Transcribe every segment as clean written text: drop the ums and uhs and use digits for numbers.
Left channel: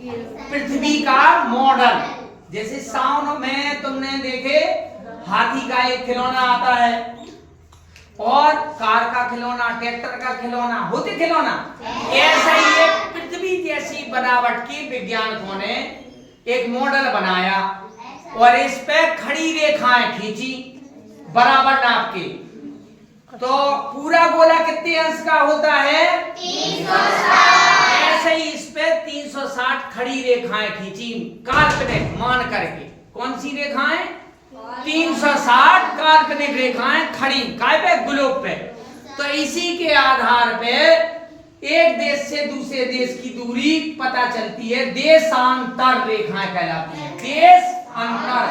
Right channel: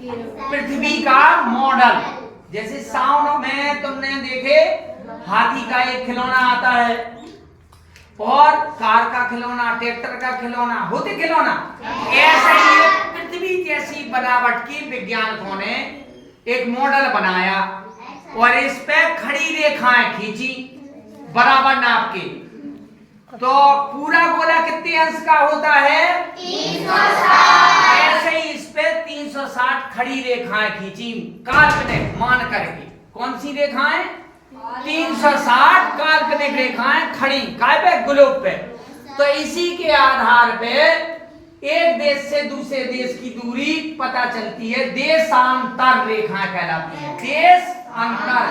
पृथ्वी का मॉडल। जैसे साउंड में तुमने देखे हाथी का एक खिलौना आता है और कार का खिलौना, ट्रैक्टर का खिलौना, होते खिलौना। ऐसा ही पृथ्वी जैसी बनावट की वैज्ञानिकों ने एक मॉडल बनाया और इस पे खड़ी रेखाएं खींची बराबर नाप के। तो पूरा गोला कितने अंश का होता है? 360। ऐसे ही इस पे 360 खड़ी रेखाएं खींची काल्पनिक मान करके। कौन सी रेखाएं? 360 काल्पनिक रेखाएं खड़ी काय पे? ग्लोब पे। तो इसी के आधार पे एक देश से दूसरे देश की दूरी पता चलती है। देशांतर रेखाएं कहलाती है। देशांतर।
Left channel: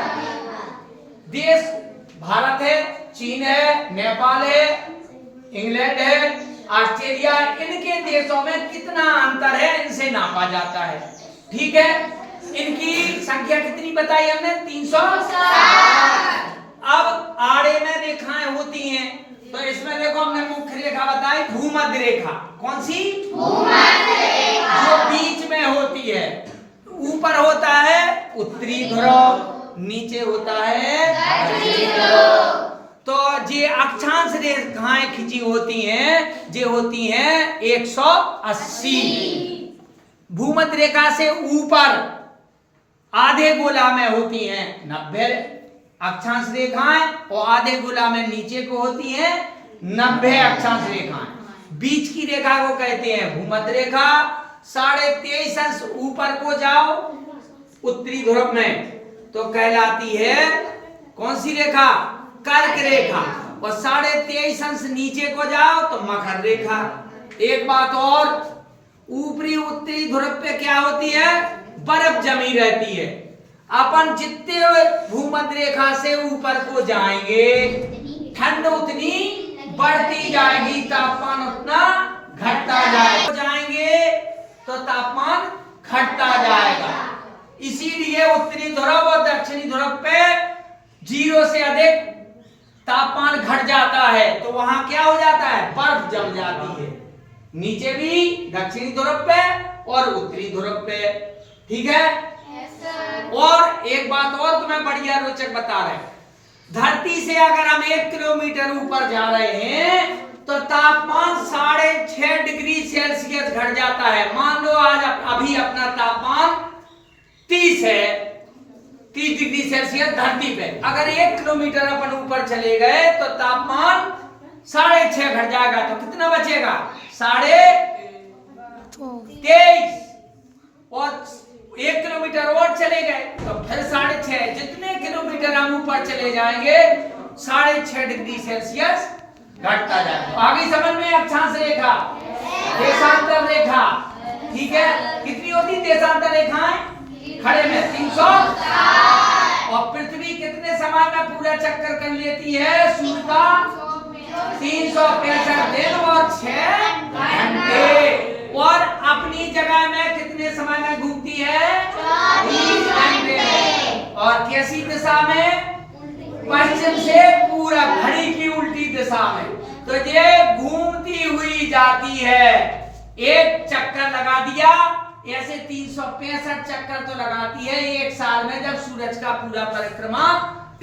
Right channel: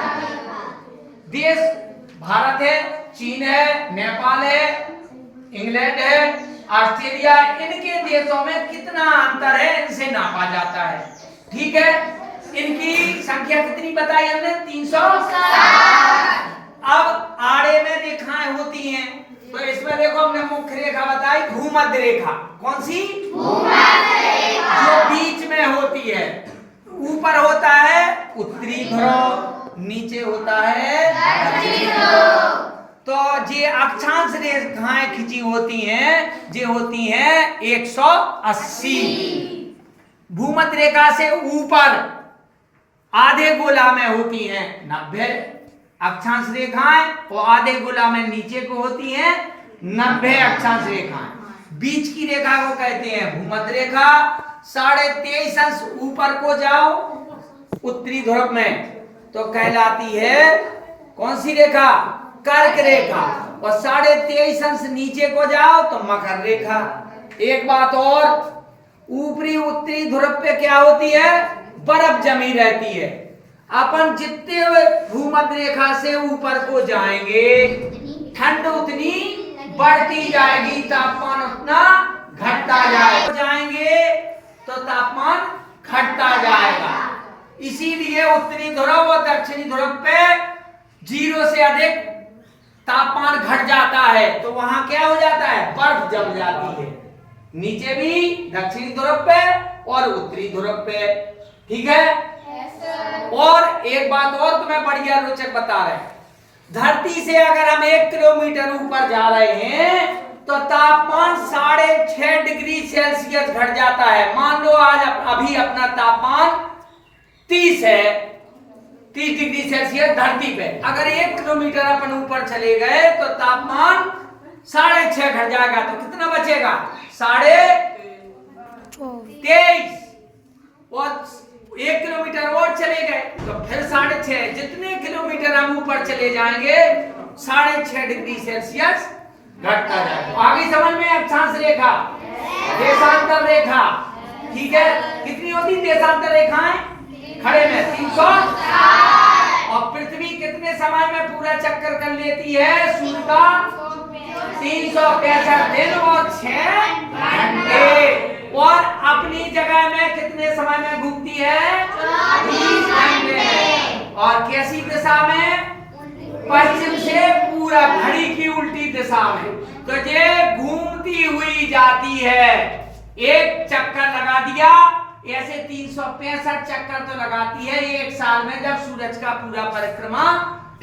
देश भारत है, चीन है, नेपाल है, इंग्लैंड है, ऑस्ट्रेलिया है। इनके देशों में कितना अंतर है इनसे नापा जाता है। ठीक है, इनकी संख्या कितनी बताई हमने? 360। अब आड़े में रेखाएं होती हैं तो इसमें देखो हमने मुख्य रेखा बताई भूमध्य रेखा। कौन सी? भूमध्य रेखा। जो बीच में होती है। ऊपर होता है उत्तरी ध्रुव, नीचे होता है दक्षिणी ध्रुव। तो ये अक्षांश रेखाएं खींची होती हैं, ये होती हैं 180। भूमध्य रेखा से ऊपर आधे गोला में होती हैं 90 अक्षांश रेखाएं और आधे गोला में नीचे को होती हैं 90 अक्षांश रेखाएं। बीच की रेखा को कहते हैं भूमध्य रेखा। 23.5 अंश ऊपर को जाओ उत्तरी ध्रुव में तो कहलाती है कौन सी रेखा? कर्क रेखा। और 23.5 अंश नीचे को जाओ तो मकर रेखा। एक बात और, ऊपरी उत्तरी ध्रुव पे क्या होती है? बर्फ जमी रहती है। अपन जितने भूमध्य रेखा से ऊपर को जाएंगे ठंड उतनी बढ़ती जाएगी, तापमान उतना घटता जाएगा। जाएंगे तो तापमान घटता जाएगा। इसीलिए उत्तरी ध्रुव और दक्षिणी ध्रुव पे 0 से अधिक तापमान घट जाता है तो वहां क्या हो जाता है? बर्फ जम जाती है। नीचे भी दक्षिणी ध्रुव पे और उत्तरी ध्रुव पे। ठीक है? और एक बात और तुम्हें बढ़िया रोचक बता रहे हैं। धरती से अगर हम 1 किलोमीटर ऊपर जा रहे हैं तो तापमान 6.5 डिग्री सेल्सियस घट जाता है। मान लो आज अभी अपना तापमान 30 है, 30 डिग्री सेल्सियस धरती पे। अगर 1 किलोमीटर अपन ऊपर चले गए तो तापमान 6.5 घट जाएगा तो कितना बचेगा? 23.5। और 1 किलोमीटर और चले गए तो फिर 6.5। जितने किलोमीटर हम ऊपर चले जाएंगे 6.5 डिग्री सेल्सियस घटता जाएगा। आगे समझ में? अक्षांश रेखा, देशांतर रेखा। ठीक है, कितनी होती देशांतर रेखाएं? खड़े में 360। और पृथ्वी कितने समय में पूरा चक्कर कर लेती है सूर्य का? 365 दिन और 6 घंटे। और अपनी जगह में कितने समय में घूमती है? 30 घंटे में। और कैसी दिशा में? पश्चिम से पूरब, घड़ी की उल्टी दिशा में। तो ये घूमती हुई जाती है। एक चक्कर लगा दिया, ऐसे 365 चक्कर तो लगाती है एक साल में जब सूरज का पूरा परिक्रमा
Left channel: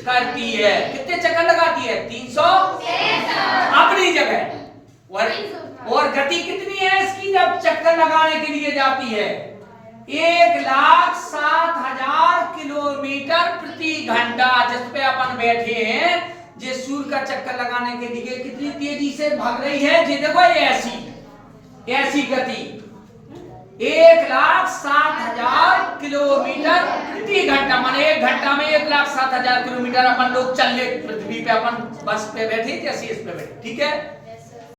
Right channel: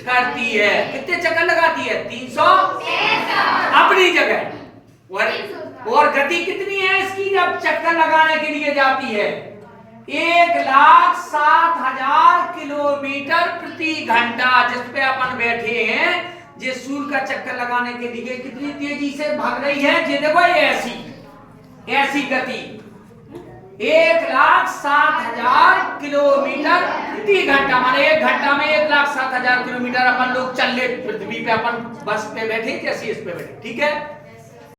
करती है। कितने चक्कर लगाती है? 365 अपनी जगह। और गति कितनी है इसकी जब चक्कर लगाने के लिए जाती है? 1,07,000 किलोमीटर प्रति घंटा। जिस पे अपन बैठे हैं ये सूर्य का चक्कर लगाने के लिए कितनी तेजी से भाग रही है? ये देखो ऐसी गति 1,07,000 किलोमीटर प्रति घंटा। माने 1 घंटा में 1,07,000 किलोमीटर अपन लोग चल ले पृथ्वी पे। अपन बस पे बैठे जैसे इस पे बैठे। ठीक है?